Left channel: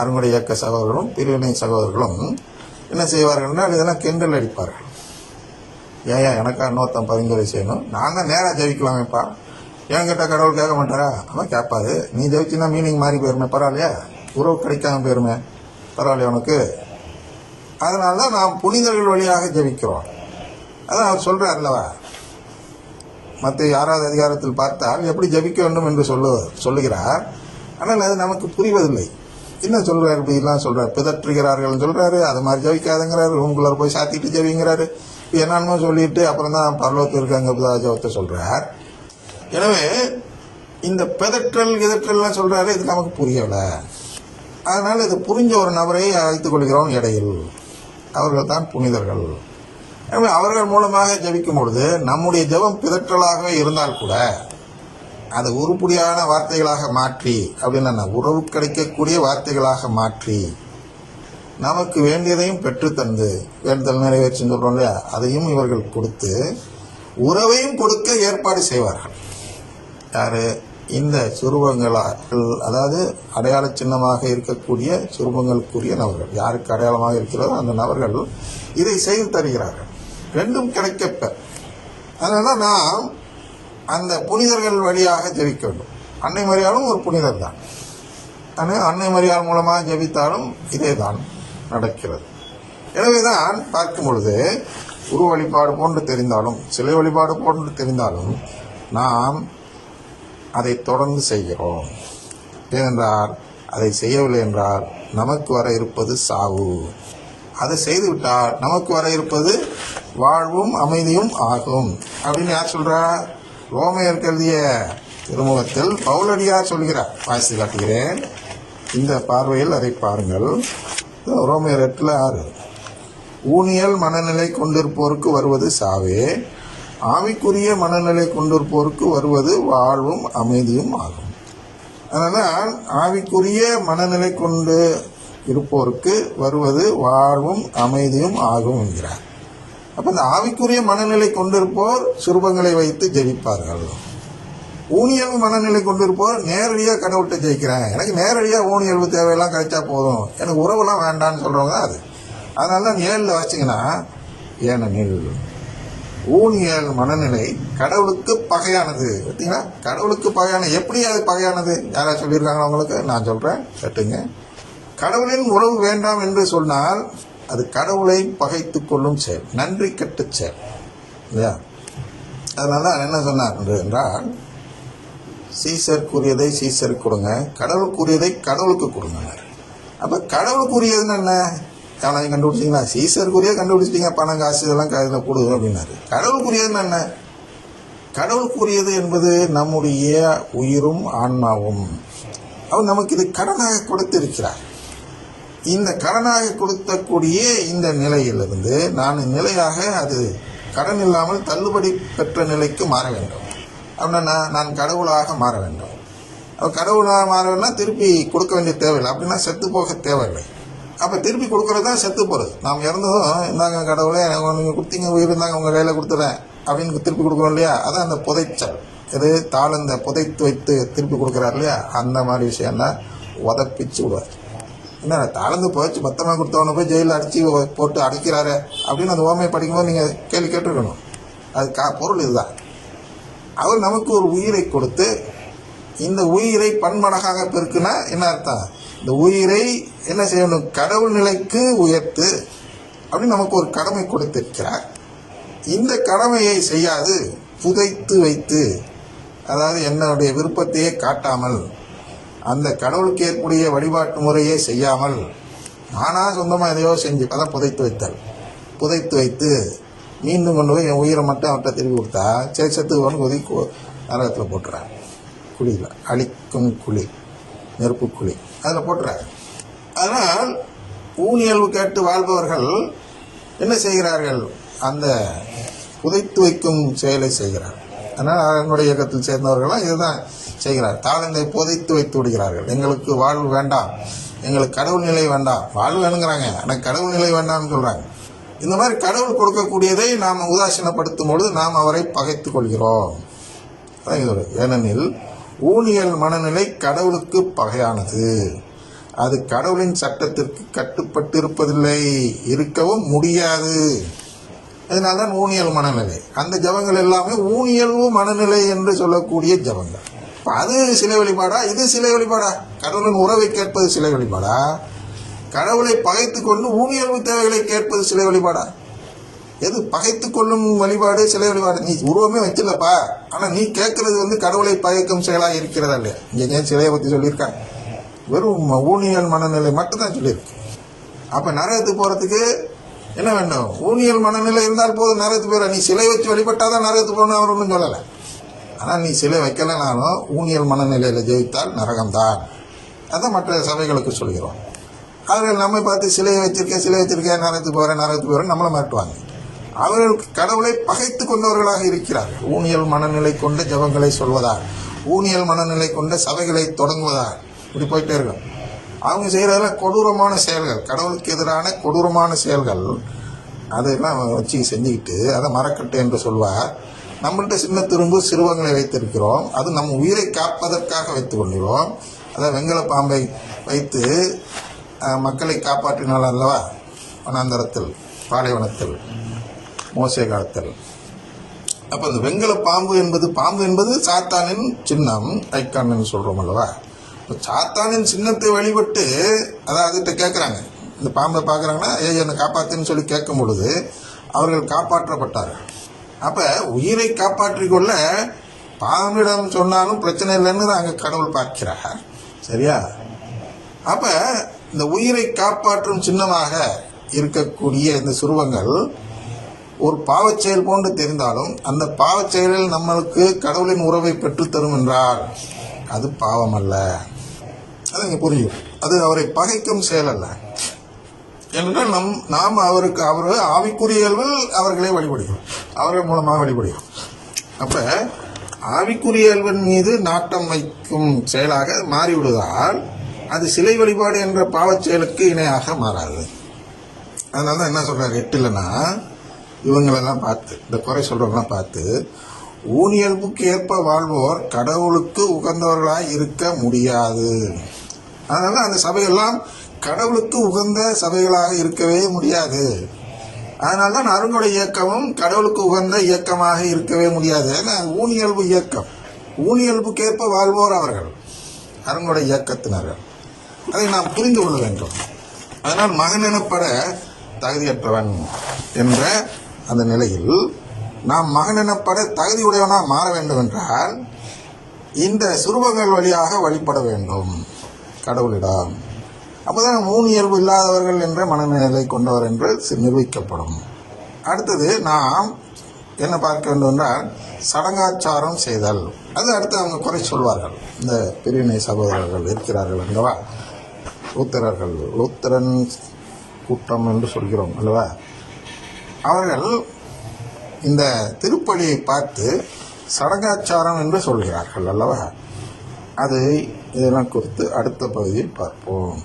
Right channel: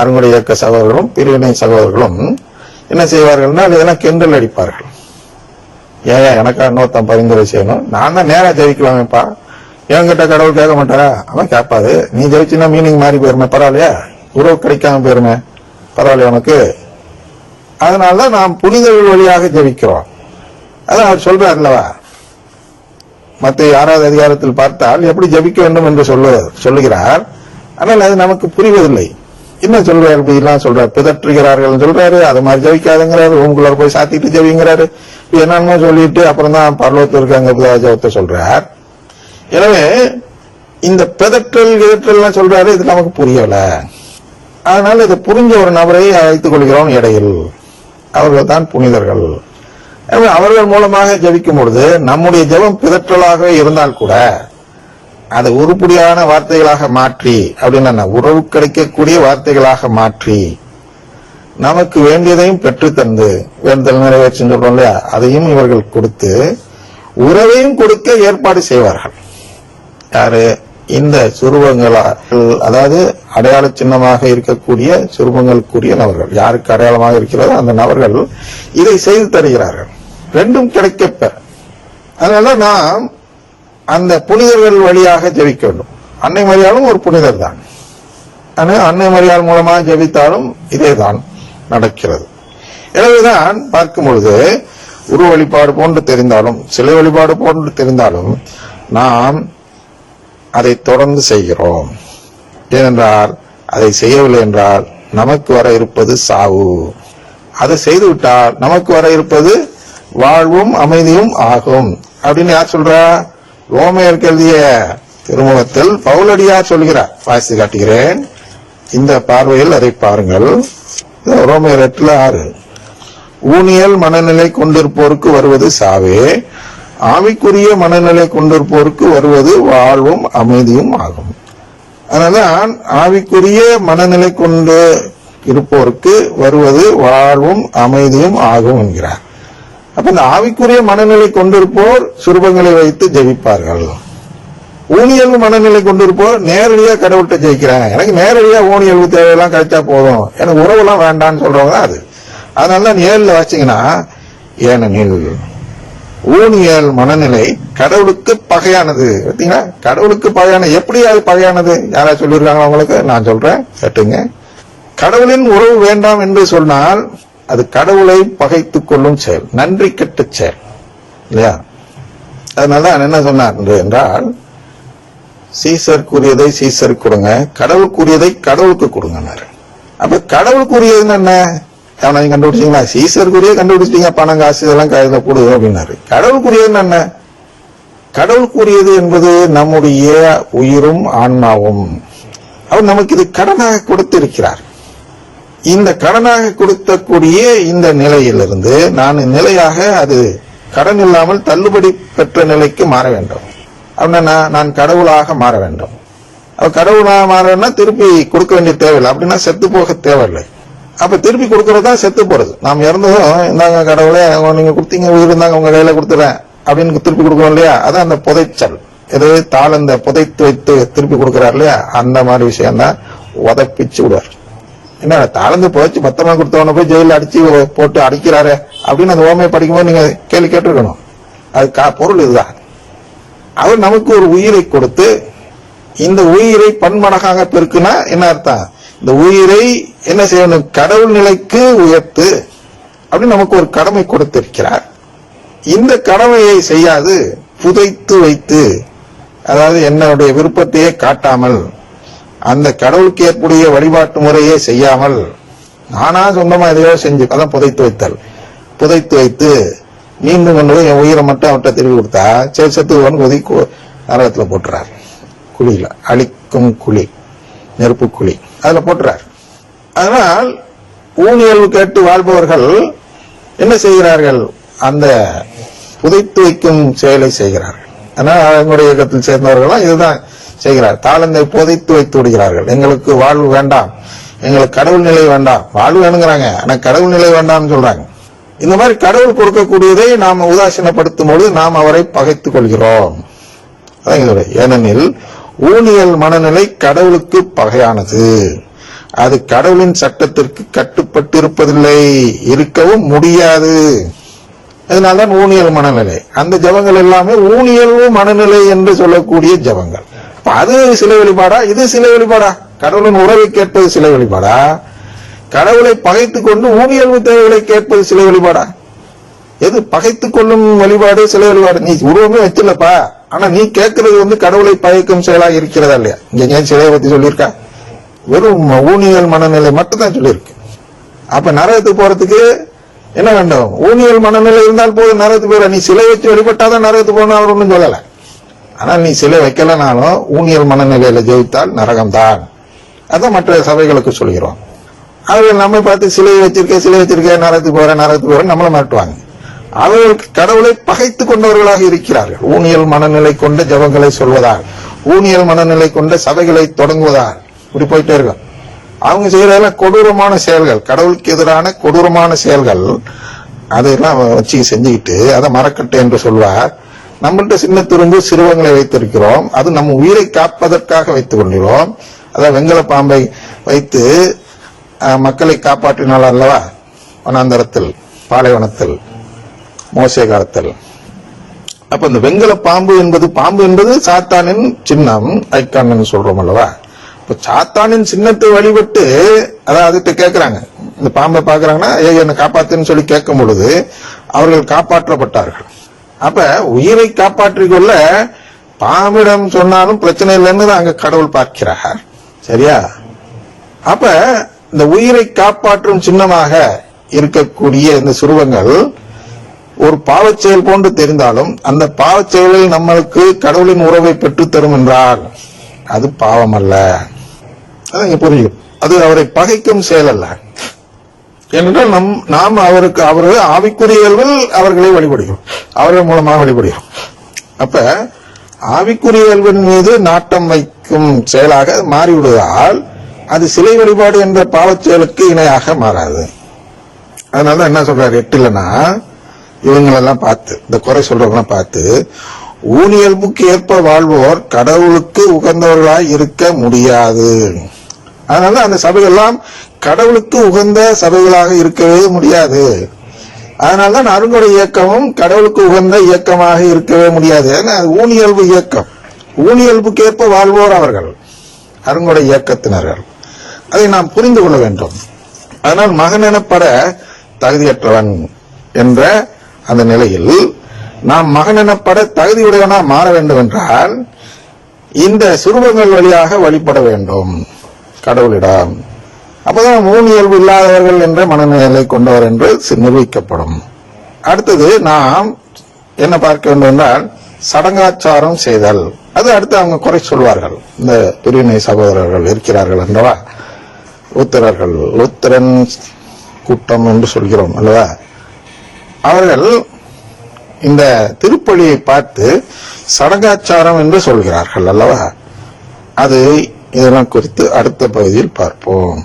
அருங்குடை இயக்க சகோதரர்களும் பிரிவினை சகோதரர்களும் என்ன செய்வார்கள்னா இதெல்லாம் கிண்டல் அடிப்பார்கள். ஏன் எனக்கா இன்னொருத்தன் பரிந்துரை செய்யணும், நான் தான் நேரா ஜெயிக்கலாமேப்பா, என்கிட்ட கடவுள் கேட்க மாட்டாரா? அவன் கேட்பாது. நீ ஜெயிச்சுன்னா மீனிங் மாறி போயிருமே, பரவாயில்லையா? உறவு கிடைக்காம போயிருமே, பரவாயில்லையா உனக்கு? அதனாலதான் நாம் புனிதர்கள் வழியாக ஜெயிக்கிறோம். அதான் அவர் சொல்றாருல்லவா, மத்திய 6வது அதிகாரத்தில் பார்த்தால் எப்படி ஜபிக்க வேண்டும் என்று சொல்லுகிறார். ஆனால் அது நமக்கு புரிவதில்லை. என்ன சொல்றாரு? இப்படிலாம் சொல்றாரு, பிதற்றுகிறார்கள் சொல்றாரு, அது மாதிரி ஜபிக்காதுங்கிறாரு, உங்களை போய் சாத்திட்டு ஜபிங்கிறாரு, என்னன்னு சொல்லிட்டு அப்புறம் தான் பரலோகத்தில் இருக்காங்க ஜபத்தை சொல்றார். எனவே இந்த பிதற்றல் கிதற்றல் சொல்றாரு, இது நமக்கு புரியல. அதனால இதை புரிஞ்ச ஒரு நபரை அழைத்துக் கொள்கிறோம் இடையில். அவர்கள் தான் புனிதர்கள். அவர்கள் மூலமாக ஜபிக்கும் பொழுது நம்முடைய ஜபம் பிதற்றலாக இருந்தால் கூட அதை உருப்படியான வார்த்தைகளாக மாற்றி, அப்படின்னா உறவு கிடைக்கக்கூடிய வார்த்தைகளாக மாற்றி நமக்கு வேண்டியதையும் பெற்று தந்து வேண்டுதல் நிறைவேற்றி சொல்றோம் இல்லையா, அதையும் இவர்கள் கொடுத்து உறவையும் கொடுக்க ஏற்பாடு செய்வார்கள். யாரு? இந்த சுரூபங்களால், அதாவது அடையாள சின்னமாக இருக்கக்கூடிய சுரூபங்களுக்குரிய நபர்கள், யாருக்கு அடையாளமாக இருக்கிறதோ அந்த நபர்கள் இதை செய்து தருகிறார்கள். ரெண்டும் கிடைக்கப்பெற. அதனால நாம் அந்த புனிதர்கள் வழியாக ஜெபிக்க வேண்டும். அன்னை மரியாளும் ஒரு புனிதர் தான். ஆனால் அன்னை மரியாள் மூலமாக ஜெபித்தாலும் இதே தான் நடக்கிறது. எனவேதான் பார்க்கும் பொழுது உருவ வழிபாடு போன்று தெரிந்தாலும் சிலை வழிபாடு போன்று தெரிந்தாலும் நாம் அதை தொடர்ந்து செய்கிறோம். ஏனென்றால் அதை செய்யவில்லை என்றால் நமக்கு வர இருப்பது சாவு. அதை செய்துவிட்டால் நமக்கு வர இருப்பது வாழ்வும் அமைதியும் ஆகும் அப்படின்னு யார் சொல்றா? ரோமையருக்கு எழுதிய திருமுகத்தில் பவுலடியார் சொல்கிறார். வாசித்து காட்டுகிறேன். இந்த பார்வையில் அதை பாருங்கள். ரோமையர் 8:6, ஊனியல் மனநிலை கொண்டிருப்போருக்கு வருவது சாவே, ஆவிக்குரிய மனநிலை கொண்டிருப்போருக்கு வருவது வாழ்வும் அமைதியும் ஆகும். அதனால ஆவிக்குரிய மனநிலை கொண்டு இருப்போருக்கு வருவது வாழ்வும் அமைதியும் ஆகும் என்கிறார். அப்ப இந்த ஆவிக்குரிய மனநிலை கொண்டிருப்போர் சுரூபங்களை வைத்து ஜெபிப்பார்கள். ஊனியல்பு மனநிலை கொண்டிருப்போர் நேரடியா கடவுள்கிட்ட ஜெயிக்கிறாங்க. எனக்கு நேரடியா ஊனியல்பு தேவையெல்லாம் கிடைச்சா போதும், எனக்கு உறவுலாம் வேண்டான்னு சொல்றவங்க அது. அதனால நீ 7ல வாசிங்கன்னா, ஏனெனில் ஊனியல் மனநிலை கடவுளுக்கு பகையானது. பார்த்தீங்களா? கடவுளுக்கு பகையான. எப்படி அது பகையானது? யாராவது சொல்லியிருக்காங்களா உங்களுக்கு? நான் சொல்றேன், கேட்டுங்க. கடவுளின் உறவு வேண்டாம் என்று சொன்னால் அது கடவுளை பகைத்துக் கொள்ளும் செயல், நன்றி கெட்ட செயல் இல்லையா? அதனாலதான் என்ன சொன்னார் என்றால், சீசருக்குரியதை சீசருக்கு கொடுங்க, கடவுளுக்குரியதை கடவுளுக்கு கொடுங்க. அப்ப கடவுளுக்குரியதுன்னு என்ன? அவனை கண்டுபிடிச்சீங்களா? சீசருக்குரிய கண்டுபிடிச்சிட்டீங்க, பணம் காசு இதெல்லாம் கையில கொடு அப்படின்னாரு. கடவுளுக்குரியதுன்னு என்ன? கடவுளுக்குரியது என்பது நம்முடைய உயிரும் ஆன்மாவும். அவர் நமக்கு இது கடனாக கொடுத்திருக்கிறார். இந்த கடனாக கொடுத்தக்கூடிய இந்த நிலையிலிருந்து நான் நிலையாக அது கடன் இல்லாமல் தள்ளுபடி பெற்ற நிலைக்கு மாற வேண்டும். அப்படின்னா நான் கடவுளாக மாற வேண்டும். கடவுளாக மாறனா திருப்பி கொடுக்க வேண்டிய தேவையில்லை. அப்படின்னா செத்து போக தேவையில்லை. அப்ப திருப்பி கொடுக்கறதா செத்து போறது. நாம் இறந்ததும் இந்தாங்க கடவுளே, நீங்க கொடுத்தீங்க, உயிர் இருந்தாங்க உங்க கையில கொடுத்துறேன் அப்படின்னு திருப்பி கொடுக்கணும் இல்லையா? அதான் அந்த புதைச்சல். எது தாளந்த புதைத்து வைத்து திருப்பி கொடுக்கிறார் இல்லையா? அந்த மாதிரி விஷயம் தான் உதப்பிச்சு விடுவார். என்ன தாளந்து புதைச்சு பத்திரமா கொடுத்தவன போய் ஜெயில அடிச்சு போட்டு அடிக்கிறாரு அப்படின்னு அந்த ஓமையை படிக்கும்போது நீங்க கேள்வி கேட்டுருக்கணும். அது பொருள் இதுதான். அவர் நமக்கு ஒரு உயிரை கொடுத்து இந்த உயிரை பன்மடங்காக பெருக்குனா என்ன அர்த்தம்? இந்த உயிரை என்ன செய்யணும்? கடவுள் நிலைக்கு உயர்த்து அப்படின்னு நமக்கு ஒரு கடமை கொடுத்திருக்கிறார். இந்த கடமையை செய்யாது புதைத்து வைத்து, அதாவது என்னுடைய விருப்பத்தையே காட்டாமல், அந்த கடவுளுக்கு ஏற்புடைய வழிபாட்டு முறையே செய்யாமல் நானா சொந்தமா எதையோ செஞ்சு அதான் புதைத்து வைத்தல். புதைத்து வைத்து மீண்டும் கொண்டு என் உயிரை மட்டும் அவர்கிட்ட திரும்பி கொடுத்தா சரி செத்துவன் கொதி நரகத்துல போட்டுறார். குழியில அழிக்கும் குழி, நெருப்பு குழி, அதுல போட்டுறார். அதனால் ஊழியல் கேட்டு வாழ்பவர்கள் என்ன செய்கிறார்கள்? அந்த புதைத்து வைக்கும் செயலை செய்கிறார்கள். ஆனால் அவங்களுடைய இயக்கத்தில் சேர்ந்தவர்களும் இதுதான் செய்கிறார். தாளந்தை புதைத்து வைத்து விடுகிறார்கள். எங்களுக்கு வாழ்வு வேண்டாம், எங்களுக்கு கடவுள் நிலை வேண்டாம். வாழ்வு வேணுங்கிறாங்க, ஆனா கடவுள் நிலை வேண்டாம்னு சொல்றாங்க. இந்த மாதிரி கடவுள் கொடுக்கக்கூடியதை நாம் உதாசீனப்படுத்தும் பொழுது நாம் அவரை பகைத்துக் கொள்கிறோம். ஏனெனில் ஊனியல் மனநிலை கடவுளுக்கு பகையானது. அது கடவுளின் சட்டத்திற்கு கட்டுப்பட்டு இருப்பதில்லை, இருக்கவும் முடியாது. அதனால்தான் ஊனியல் மனநிலை. அந்த ஜபங்கள் எல்லாமே ஊனியல்வு மனநிலை என்று சொல்லக்கூடிய ஜபங்கள். அது சிலை வழிபாடா, இது சிலை வழிபாடா? கடவுளின் உறவை கேட்பது சிலை வழிபாடா? கடவுளை பகைத்துக் கொண்டு ஊனியல்வு தேவைகளை கேட்பது சிலை வழிபாடா? எது பகைத்துக் கொள்ளும் வழிபாடு சிலை வழிபாடு? நீ உருவமே வச்சிடலப்பா, ஆனா நீ கேட்கறது கடவுளை பகைக்கும் செயலாக இருக்கிறதா இல்லையா? இங்க சிலையை பத்தி சொல்லியிருக்கா? வெறும் ஊனியல் மனநிலை மட்டும் தான் சொல்லியிருக்கு. அப்ப நரகத்துக்கு போறதுக்கு என்ன வேண்டும்? ஊனியல் மனநிலை இருந்தால் போது நரகத்துக்கு போயிட. நீ சிலை வச்சு வழிபட்டாதான் நரகத்துக்கு போகணும் அவர் ஒன்றும் சொல்லல. ஆனா நீ சிலை வைக்கலனாலும் ஊனியல் மனநிலையில ஜெயித்தால் நரகம்தான். அதான் மற்ற சபைகளுக்கு சொல்கிறோம். அவர்கள் நம்மை பார்த்து சிலை வச்சிருக்க நரகத்துக்கு போறேன் நம்மளை மாட்டுவாங்க. அவர்களுக்கு கடவுளை பகைத்து கொண்டவர்களாக இருக்கிறார்கள். ஊனியல் மனநிலை கொண்ட ஜபங்களை சொல்வதால், ஊனியல் மனநிலை கொண்ட சபைகளை தொடங்குவதால் இப்படி போயிட்டே இருக்கும். அவங்க செய்யறதெல்லாம் கொடூரமான செயல்கள், கடவுளுக்கு எதிரான கொடூரமான செயல்கள். அதையெல்லாம் வச்சு செஞ்சுக்கிட்டு அதை மரக்கட்டை என்று சொல்வார். நம்மள்ட்ட சின்ன துரும்பு சிறுவங்களை வைத்திருக்கிறோம், அது நம்ம உயிரை காப்பதற்காக வைத்துக் கொள்கிறோம். அதான் வெங்கல பாம்பை வைத்து மக்களை காப்பாற்றினாள் அல்லவா, வனாந்தரத்தில், பாலைவனத்தில், மோசே காலத்தில். அப்ப இந்த வெங்கல பாம்பு என்பது சாத்தானின் சின்னம், ஐக்கான் சொல்றோம் அல்லவா. இப்ப சாத்தானின் சின்னத்தை வழிபட்டு அதுகிட்ட கேட்கிறாங்க, இந்த பாம்பை பாக்குறாங்கன்னா என்னை காப்பாத்துன்னு சொல்லி கேட்கும் பொழுது அவர்கள் காப்பாற்றப்பட்டார்கள். அப்ப உயிரை காப்பாற்றிக் கொள்ள பாம்பிடம் சொன்னாலும் பிரச்சனை இல்லைன்னு அங்க கடவுள் பார்க்கிறார். சரியா? அப்ப இந்த உயிரை காப்பாற்றும் சின்னமாக இருக்கக்கூடிய இந்த சுருவங்கள் ஒரு பாவச் செயல் போன்று தெரிந்தாலும் அந்த பாவச் செயலில் நம்மளுக்கு கடவுளின் உறவை பெற்றுத்தரும் என்றால் அது பாவம் அல்ல. அது புரியும். அது அவரை பகைக்கும் செயல் அல்ல. ஏனென்றால் நாம் அவர்கள் ஆவிக்குரிய இயல்பில் அவர்களை வழிபடுகிறோம், அவர்கள் மூலமாக வழிபடுகிறோம். அப்ப ஆவிக்குரிய இயல்பின் மீது நாட்டம் வைக்கும் செயலாக மாறிவிடுவதால் அது சிலை வழிபாடு என்ற பாவச் செயலுக்கு இணையாக மாறாது. அதனால என்ன சொல்றாரு 8லன்னா, இவங்களெல்லாம் பார்த்து, இந்த குறை சொல்றவங்களாம் பார்த்து, ஊனியல்புக்கு ஏற்ப வாழ்வோர் கடவுளுக்கு உகந்தவர்களாய் இருக்க முடியாது. அதனால அந்த சபைகள்லாம் கடவுளுக்கு உகந்த சபைகளாக இருக்கவே முடியாது. அதனால்தான் அருங்கொடை இயக்கமும் கடவுளுக்கு உகந்த இயக்கமாக இருக்கவே முடியாது. ஊனியல்பு இயக்கம், ஊனியல்புக்கு ஏற்ப வாழ்வோர் அவர்கள் அருங்கொடை இயக்கத்தினர்கள். அதை நாம் புரிந்து கொள்ள வேண்டும். அதனால் மகன் எனப்பட தகுதியற்றவன் என்ற அந்த நிலையில் நாம் மகன் எனப்பட தகுதியுடையவனா மாற வேண்டும் என்றால் இந்த சுரூபங்கள் வழியாக வழிபட வேண்டும் கடவுளிடம். அப்பதான் ஊனியல்பு இல்லாதவர்கள் என்ற மனநிலை கொண்டவர் என்று நிரூபிக்கப்படும். அடுத்தது நாம் என்ன பார்க்க வேண்டும் என்றால் சடங்காச்சாரம் செய்தல். அது அடுத்து அவங்க குறை சொல்வார்கள். இந்த பிரிவினை சகோதரர்கள் இருக்கிறார்கள் என்றவா, லூத்தரன் கூட்டம் என்று சொல்கிறோம் அல்லவா, அவர்கள் இந்த திருப்பலியை பார்த்து சடங்காச்சாரம் என்று சொல்கிறார்கள் அல்லவா. அது இதெல்லாம் குறித்து அடுத்த பகுதியில் பார்ப்போம்.